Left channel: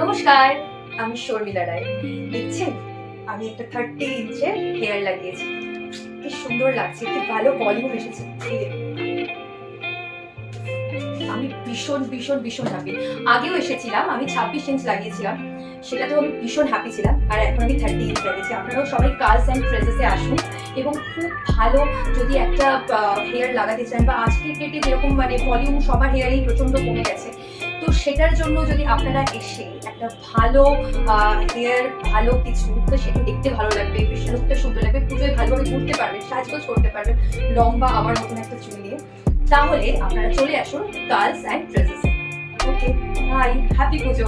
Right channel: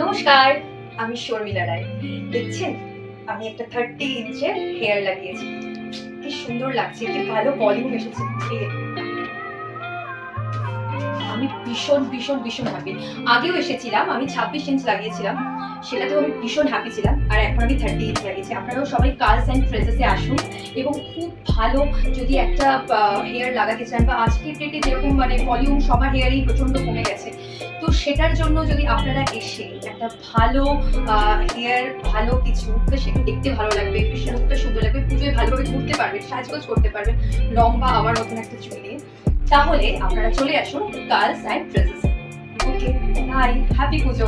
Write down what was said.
নমস্কার, আমি শর্মিলা রায়। দেখছেন আমি একটা 30 ইঞ্চের হেয়ার লাগিয়েছি। কি সুন্দর লাগছে, কি ভালো ভলিউম এসেছে। এই দেখুন। আমি ভীষণ ভীষণ ভীষণ হ্যাপি। আগেও এসেছিলাম, আমি 26 ইঞ্চ লাগিয়েছিলাম, সেটাতেও আমি ভীষণ হ্যাপি ছিলাম। আর এখন আমি 30 ইঞ্চ লাগিয়েছি। আপনারাও সবাই কার্লস অ্যান্ড ফ্রেজেসে আসুন এবং খুব ভালো যদি একটা হেয়ার লাগাতে চান, বা আজকের ডেটে যেরকম মানে ভলিউম সবার হেয়ারেই প্রচণ্ড কমে গেছে, তো সেটার জন্য যদি আপনারা এসে একটা ভালো হেয়ার ভালো কিছু, তো সেটা দেখতে ভালো লাগবে, বেশ লুকটা সুন্দর লাগবে, পুজোয় ভালোভাবে ঘুরতে পারবেন, সাজগোজ করতে পারবেন লম্বা আমার মতন একটা চুল দিয়ে, তাহলে আপনারা চলে আসুন কার্লস and ফ্রেজেসে। Okay, by, happy Puja.